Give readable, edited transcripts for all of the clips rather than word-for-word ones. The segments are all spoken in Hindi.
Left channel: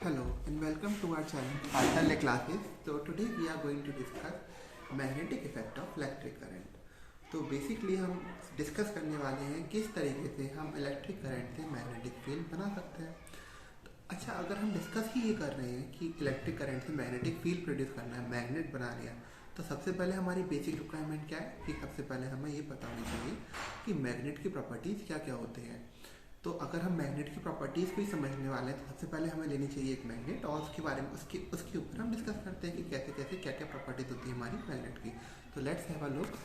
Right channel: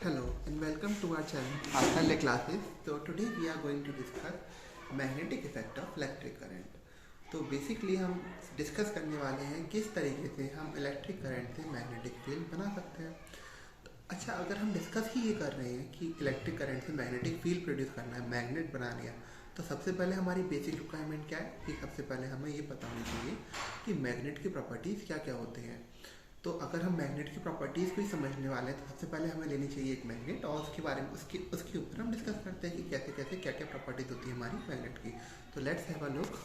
Hello and welcome to our channel Partnerless Classes. So today we are going to discuss magnetic effect of electric current. तो बेसिकली हम डिस्कस करने वाले हैं किस तरीके से हम इलेक्ट्रिक करंट से मैग्नेटिक फील्ड बना सकते हैं। तो अच्छा, अगर हम डिस्कस ही ये कर रहे हैं कि इलेक्ट्रिक करंट से मैग्नेटिक फील्ड प्रोड्यूस करना है, मैग्नेट बनाना है, तो सबसे पहले हमारी बेसिक रिक्वायरमेंट क्या है कि सबसे पहले हमें ये पता होनी चाहिए कि मैग्नेट की प्रॉपर्टीज़ क्या क्या होते हैं। तो अगर हम मैग्नेट की प्रॉपर्टीज़ को ही समझने वाले हैं तो सबसे पहले हमें लेनी चाहिए एक मैग्नेट, और उसके बारे में उसके ऊपर हम डिस्कस करते हैं कि कैसे कैसे क्या क्या प्रॉपर्टीज़ होती है हमारी मैग्नेट की। तो लेट्स हैव अ लुक।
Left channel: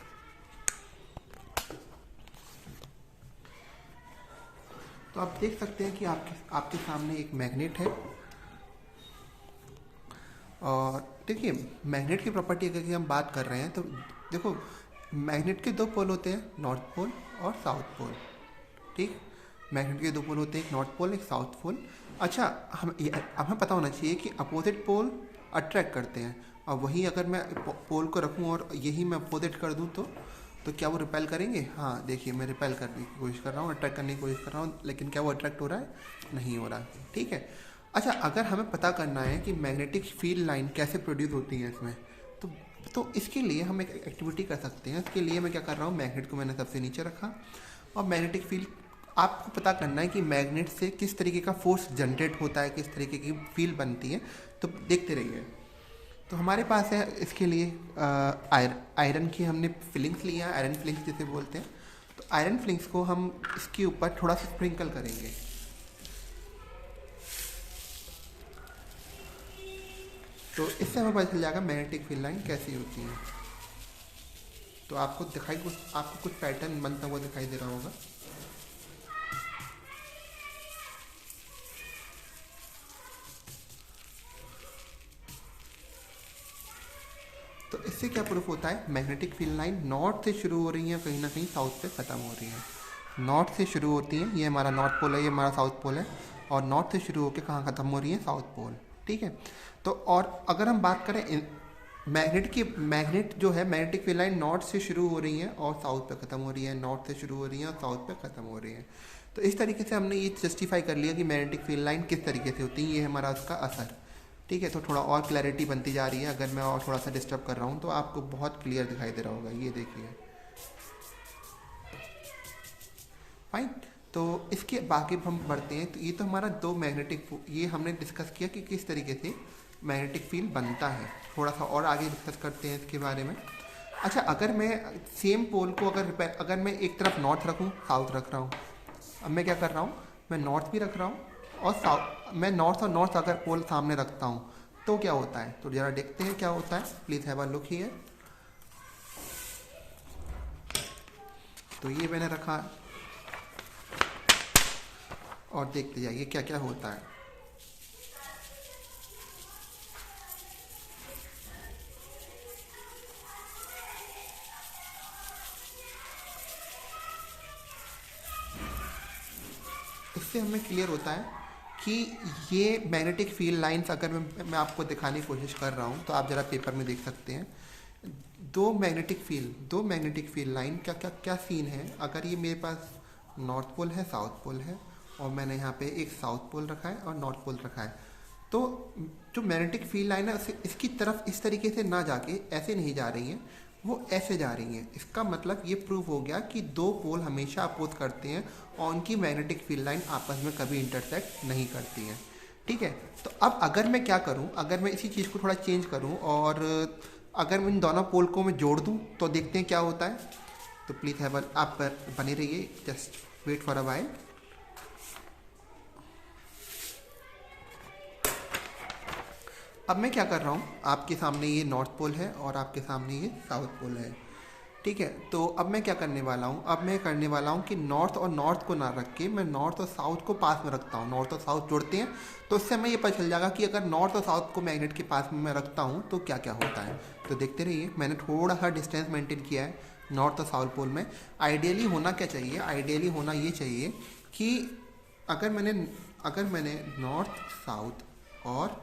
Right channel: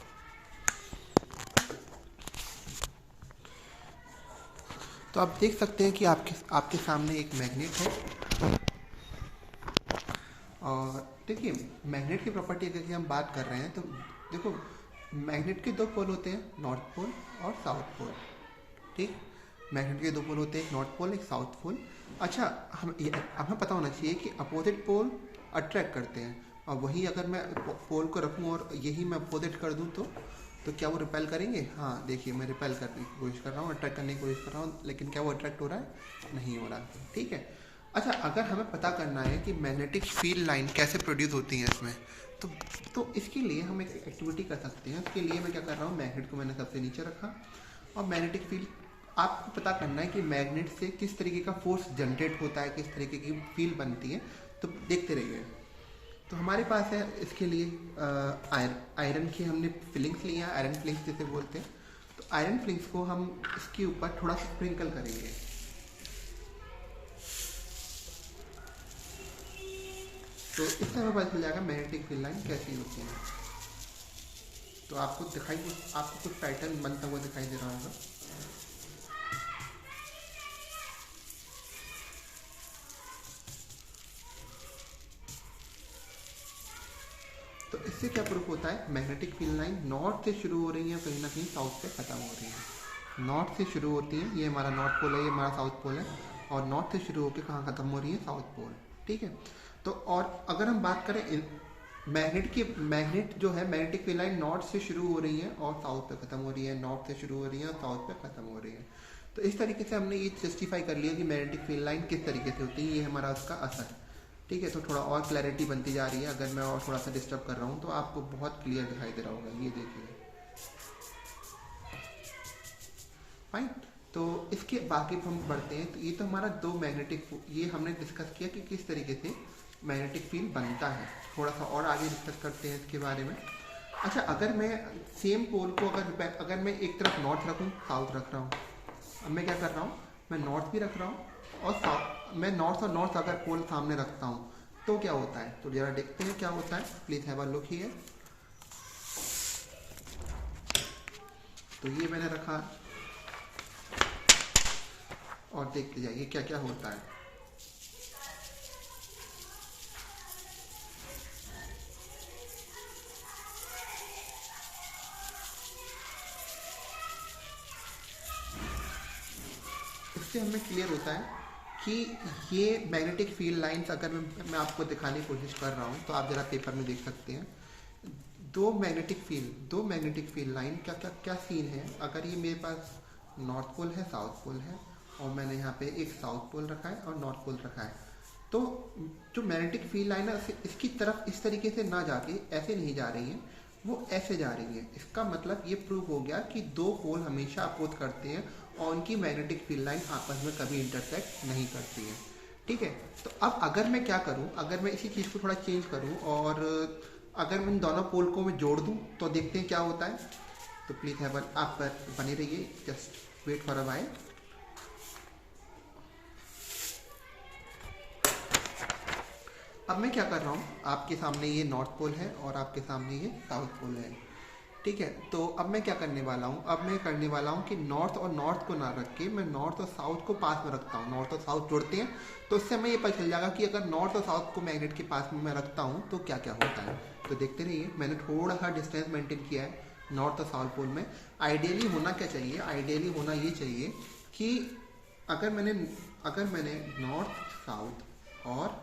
तो आप देख सकते हैं कि आपके आपके सामने एक मैग्नेट है, और देखिए मैग्नेट की प्रॉपर्टी अगर हम बात कर रहे हैं तो देखो, मैग्नेट के दो पोल होते हैं, नॉर्थ पोल और साउथ पोल। ठीक, मैग्नेट के दो पोल होते हैं, एक नॉर्थ पोल एक साउथ पोल। अच्छा, अब हमें पता होना चाहिए कि अपोजिट पोल अट्रैक्ट करते हैं, और वहीं अगर मैं पोल को रखूं और यही मैं अपोजिट कर दूं तो क्या वो रिपेल करेंगे? हाँ, देखिए मैं रिपेल करने की कोशिश कर रहा हूँ, अट्रैक्ट करने की कोशिश कर रहा हूँ, लेकिन क्या वो अट्रैक्ट हो रहा है? नहीं हो रहा। ठीक है। अच्छा, अगर हमें पता करना है कि मैग्नेटिक फील्ड लाइन कैसे प्रोड्यूस होती है इसमें, तो तो इसके लिए हम एक एक्टिविटी कर सकते हैं। इसके लिए मैं क्या कर रहा हूँ, मैग्नेट को मैंने सबसे नीचे रखा, और मैग्नेटिक फील्ड आपको पता करना है कि मैग्नेट से किस तरीके का फोर्स जनरेट होता है, किस तरीके की फील्ड बनती है। तो देखते रहिए। तो हमारे पास है इसके लिए आयरन की हमने फिलिंग्स लिया है, आयरन फिलिंग्स जिसे बोलते हैं। तो आयरन फिलिंग्स को हम इसके ऊपर थोड़ा सा स्प्रिंकल करेंगे। तो इससे हमें पता चल जाएगा मैग्नेटिक फील्ड लाइन कैसी होती है। तो आपको कुछ पैटर्न बनता हुआ दिखाई दे रहा होगा। तो इससे क्या प्रूफ होता है, मैग्नेटिक फील्ड लाइन नॉर्थ से शुरू हो रही है, कहीं ना कहीं साउथ पे ख़त्म हो रही है। नॉर्थ से शुरू होती है, ये हमारा नॉर्थ पोल है, ये हमारा साउथ पोल है, और नॉर्थ से शुरू होकर कहाँ ख़त्म हो रही है? South pole. ठीक है। तो और अगर हम बात करें मैग्नेट जो है, मैग्नेटिक फील्ड लाइन नॉर्थ से शुरू हो रही है और साउथ पे ख़त्म हो रही है, नॉर्थ से शुरू हो रही है और साउथ पे ख़त्म हो रही है। तो इस तरीके से हमने ये जस्टिफाई कर लिया कि मैग्नेटिक फील्ड लाइन किस तरीके से होती है, ये हमारा उसका असर। ठीक है। तो थोड़ा और क्लैरिटी बनती जा रही है। अगर मैं और थोड़ा सा डिस्टर्ब कर रहा हूँ तो आपको बहुत क्लियर दिखाई दे रहा होगा, ये देखिए। फाइन। तो इसके बाकी हम बढ़ते हैं। तो ये तो हमारा ये हमने डिस्कस किया कि किस तरीके से मैग्नेटिक फील्ड बनता है। थोड़ा सा और आगे डिस्कस करते हैं इसके बारे में। अच्छा, अगर मैं सेम पोल को अगर मैं एक तरफ नॉर्थ रखूँ, साउथ रख रहा हूँ, अब मैं क्या कर रहा हूँ, मैं नॉर्थ भी रख रहा हूँ और साउथ, मैं नॉर्थ और नॉर्थ अगर पोल सामने रखता हूँ तो क्या होता है? तो जरा देखते हैं क्या होता है। Please have a look here. तो ये मैंने रखा, और देखते जाइए क्या क्या होता है। इससे हमें क्लियर होता है कि ये मैग्नेटिक फील्ड लाइंस, अगर मैं आपको दिखाने की कोशिश कर रहा हूँ तो आप ज़रा पेपर में देख सकते हैं। दो मैग्नेटिक फील्ड लाइन क्या क्या क्या सीन है। अगर ये मेरे पास नॉर्थ पोल है, साउथ पोल है, और मैंने यहाँ पे एक साउथ पोल रखा है और नॉर्थ पोल रखा है, तो जो मैग्नेटिक फील्ड लाइन है इसकी तरफ इस तरीके से ना जाके ऐसे नहीं जा रही है, वो ऐसे जा रही है। इसका मतलब ये प्रूव हो गया कि दो पोल हमेशा अपोज करते हैं और उनकी मैग्नेटिक फील्ड लाइन आपस में कभी इंटरसेक्ट नहीं करती है। ठीक है। तो अब अगर मैं क्या करूं, अगर मैं इसी चीज़ को थोड़ा चेंज करूं और अगर मैं इन दोनों पोल को मैं जोड़ दूं तो देखते हैं क्या होता है। तो प्लीज़ आप बने रहिए, just wait for a while. अब मैं क्या कर रहा हूँ, आपके सामने ये नॉर्थ पोल है और आपके सामने ये साउथ पोल है। ठीक है। तो अब मैं क्या करने वाला हूँ, अब मैं करने वाला हूँ कि नॉर्थ और नॉर्थ को ना रख के मैं नॉर्थ और साउथ को पास में रखता हूँ। नॉर्थ और साउथ जोड़ते हैं, तो इससे हमें ये पता चल जाएगा कि अगर नॉर्थ और साउथ को मैग्नेट के पास में मैं रखता हूँ तो क्या क्या होता है। तो देखते रहिए, मैंने थोड़ा सा डिस्टेंस मेंटेन किया है नॉर्थ और साउथ पोल में। आइडियली होना क्या चाहिए, आइडियली होना ये चाहिए कि अगर मैंने नॉर्थ और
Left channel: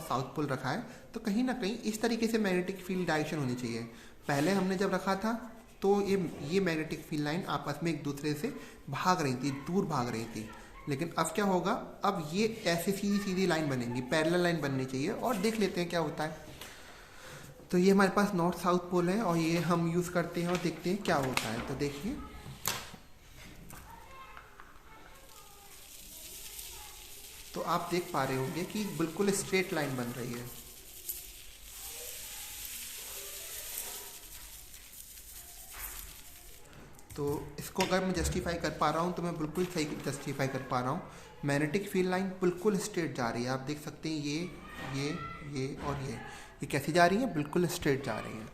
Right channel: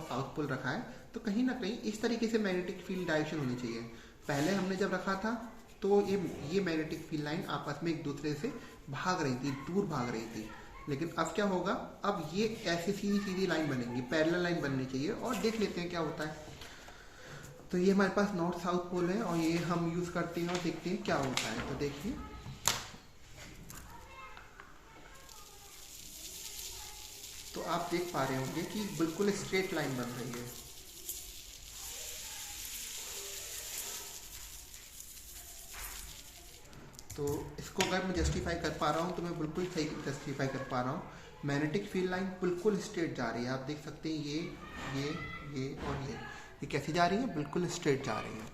साउथ पोल रखा है तो कहीं ना कहीं इस तरीके से मैग्नेटिक फील्ड डायरेक्शन होनी चाहिए। पहले हमने जब रखा था तो ये मैग्नेटिक फील्ड लाइन आपस में एक दूसरे से भाग रही थी, दूर भाग रही थी। लेकिन अब क्या होगा, अब ये ऐसी सीधी सीधी लाइन बनेंगी, पैरेलल लाइन बननी चाहिए, और देख लेते हैं क्या होता है। तो ये हमारे पास नॉर्थ साउथ पोल है और ये हम यूज़ करते हैं और देखते हैं क्या होता है। तो देखिए तो आप देख पा रहे होंगे कि बिल्कुल स्ट्रेट लाइन बन रही है। तो इसको अगर मैं जस्टिफाई कर पा रहा हूँ तो मैं बिल्कुल सही जस्टिफाई कर पा रहा हूँ। मैग्नेटिक फील्ड लाइन बिल्कुल स्ट्रेट जा रही है, आप देख सकते हैं ये और ये कैसी जा रही है, बिल्कुल स्ट्रेट जा रही है।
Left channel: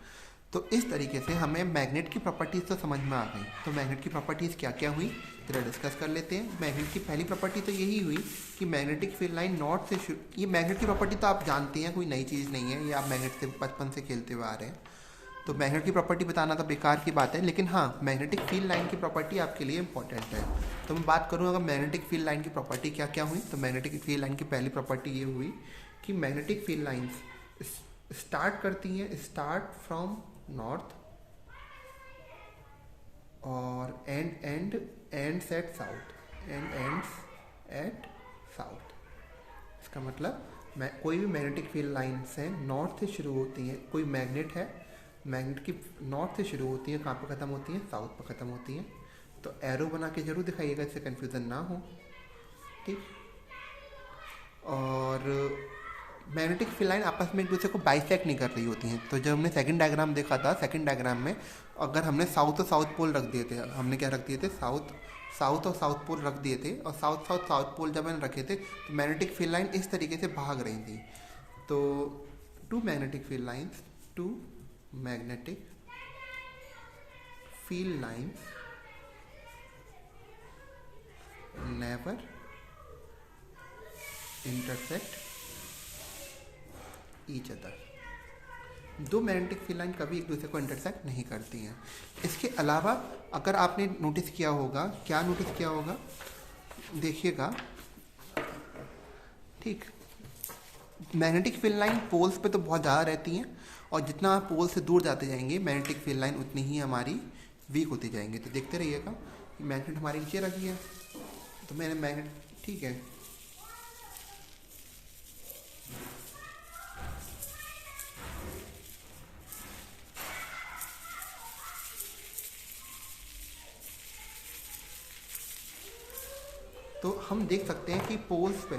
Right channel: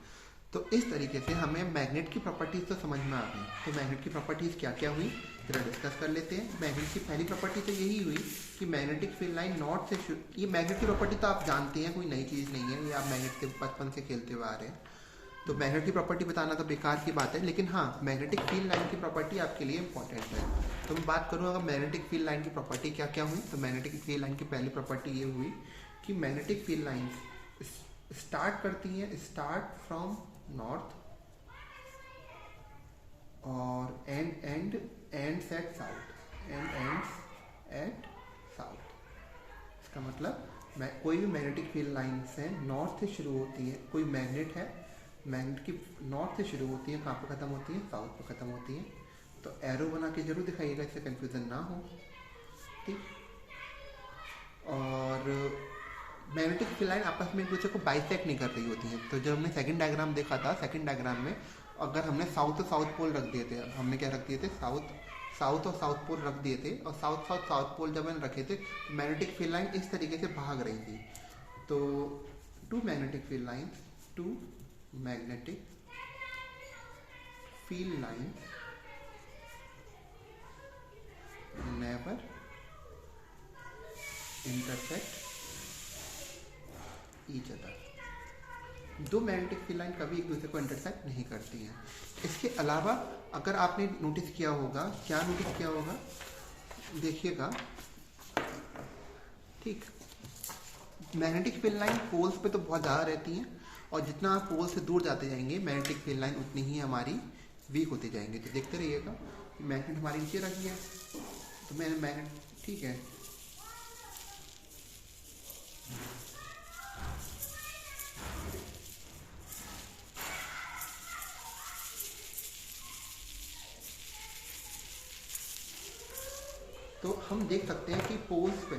तो इस तरीके से हमें मैग्नेट की प्रॉपर्टीज़ तो समझ में आ गई। तो मैग्नेट की प्रॉपर्टीज़ क्या क्या हुई जरा डिस्कस कर लेते हैं। मैग्नेट की पहली प्रॉपर्टी तो यही हुई कि मैग्नेटिक फील्ड लाइन नॉर्थ से ये मैग्नेट की प्रॉपर्टी तो आप जानते हैं, कोई नई चीज़ नहीं है, ये आप मैग्नेट से बचपन से खेलते हुए आ रहे हैं। तो मैग्नेट की प्रॉपर्टी बताना तो बेकार की बात है, लेकिन हाँ मैग्नेटिक फील्ड लाइन की प्रॉपर्टी आपके लिए इंपॉर्टेंट है। तो मैं बात करूँ अगर मैग्नेटिक फील्ड लाइन की प्रॉपर्टी क्या क्या हुई, तो मैग्नेटिक फील्ड लाइन की पहली प्रॉपर्टी ये हुई कि मैग्नेटिक फील्ड लाइन्स स्टार्ट करती हैं फ्रॉम नॉर्थ और एंड्स एट साउथ। इसका मतलब कोई भी मैग्नेटिक फील्ड लाइन से नॉर्थ से शुरू होती है, कोई मैग्नेट है, मैग्नेट की नॉर्थ से शुरू होती है, कहाँ पर ख़त्म होती है, साउथ पर ख़त्म होती है। तो एरो बना के जरूर दिखाइएगा, इससे कन्फ्यूज़न ना हो, ठीक। और मैग्नेटिक फील्ड लाइन आपस में एक दूसरे को बाइसेक्ट नहीं कर रही होती हैं। तो जब हमने सेकंड डायग्राम देखा था, सेकंड डायग्राम में अगर हमने साउथ और साउथ पोल रख दिए थे, हमने क्या रख दिए थे, साउथ और साउथ पोल रख दिए थे, और साउथ पोल जब मैंने रखे थे तो मैग्नेटिक फील्ड लाइन इस तरीके से भाग रही थी। तो two magnetic field lines never intersect each other। दो मैग्नेटिक फील्ड लाइन कभी एक दूसरे को इंटरसेक्ट नहीं करती हैं। इसके अलावा अगर आपने नोटिस किया होगा, क्या नोटिस किया होगा, देखिएगा, ठीक, मैग्नेटिक फील्ड लाइन पोल्स पे तो बहुत ज़्यादा रहती हैं, और जितना आप पोल से दूर जाते जाएंगे मैग्नेटिक फील्ड लाइन उतनी ही हमारी वीक होती जाएंगी। तो देखते रहिएगा, मैग्नेट हमारी नीचे रखी है, तो मैंने मैग्नेट, ठीक है, तो हम देख सकते हैं कि पोल्स पे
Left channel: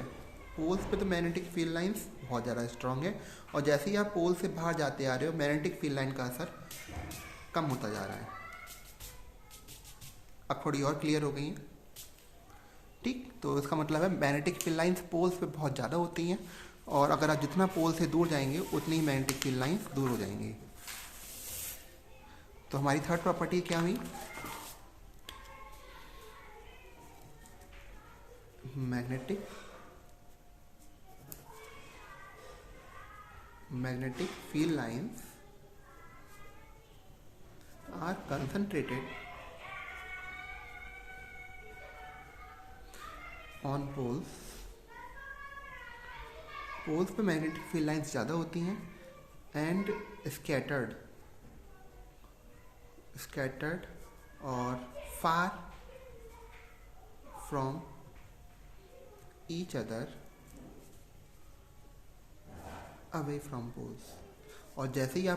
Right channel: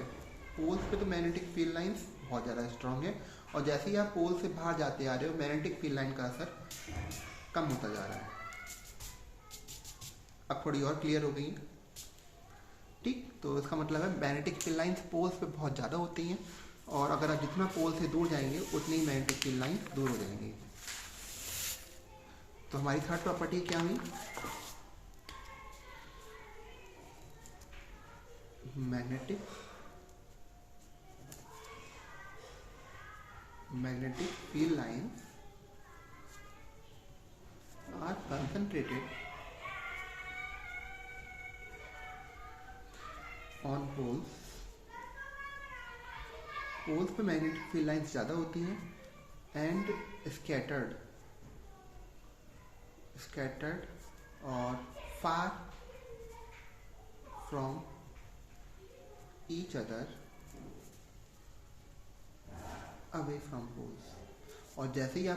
तो मैग्नेटिक फील्ड लाइंस बहुत ज़्यादा स्ट्रांग है, और जैसे ही आप पोल से बाहर जाते आ रहे हो मैग्नेटिक फील्ड लाइन का असर कम होता जा रहा है। अब थोड़ी और क्लियर हो गई है, ठीक। तो इसका मतलब है मैग्नेटिक फील्ड लाइंस पोल्स पे बहुत ज़्यादा होती हैं, और अगर आप जितना पोल से दूर जाएंगे उतनी ही मैग्नेटिक फील्ड लाइंस दूर हो जाएंगी। तो हमारी थर्ड प्रॉपर्टी क्या हुई, magnetic field lines are concentrated on poles पे मैग्नेटिक फील्ड लाइंस ज़्यादा होती हैं, एंड scattered और far from each other away from poles। और जैसे ही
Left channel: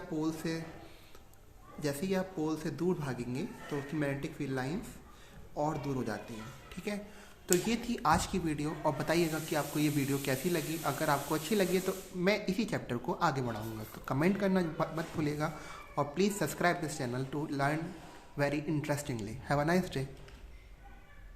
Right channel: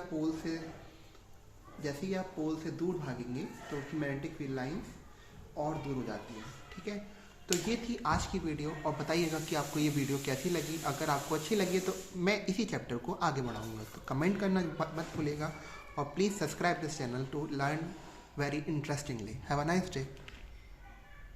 आप पोल से दूर भागेंगे तो उसकी मैग्नेटिक फील्ड लाइंस और दूर हो जाती हैं, ठीक है। तो ये थी आज की वीडियो, और बताइएगा कि आपको ये वीडियो कैसी लगी। अगर आपको अच्छी लगी तो मैं इसी चैप्टर को आगे बढ़ाऊंगा, तो कमेंट करना मत भूलिएगा, और please subscribe this channel to learn very interestingly. Have a nice day.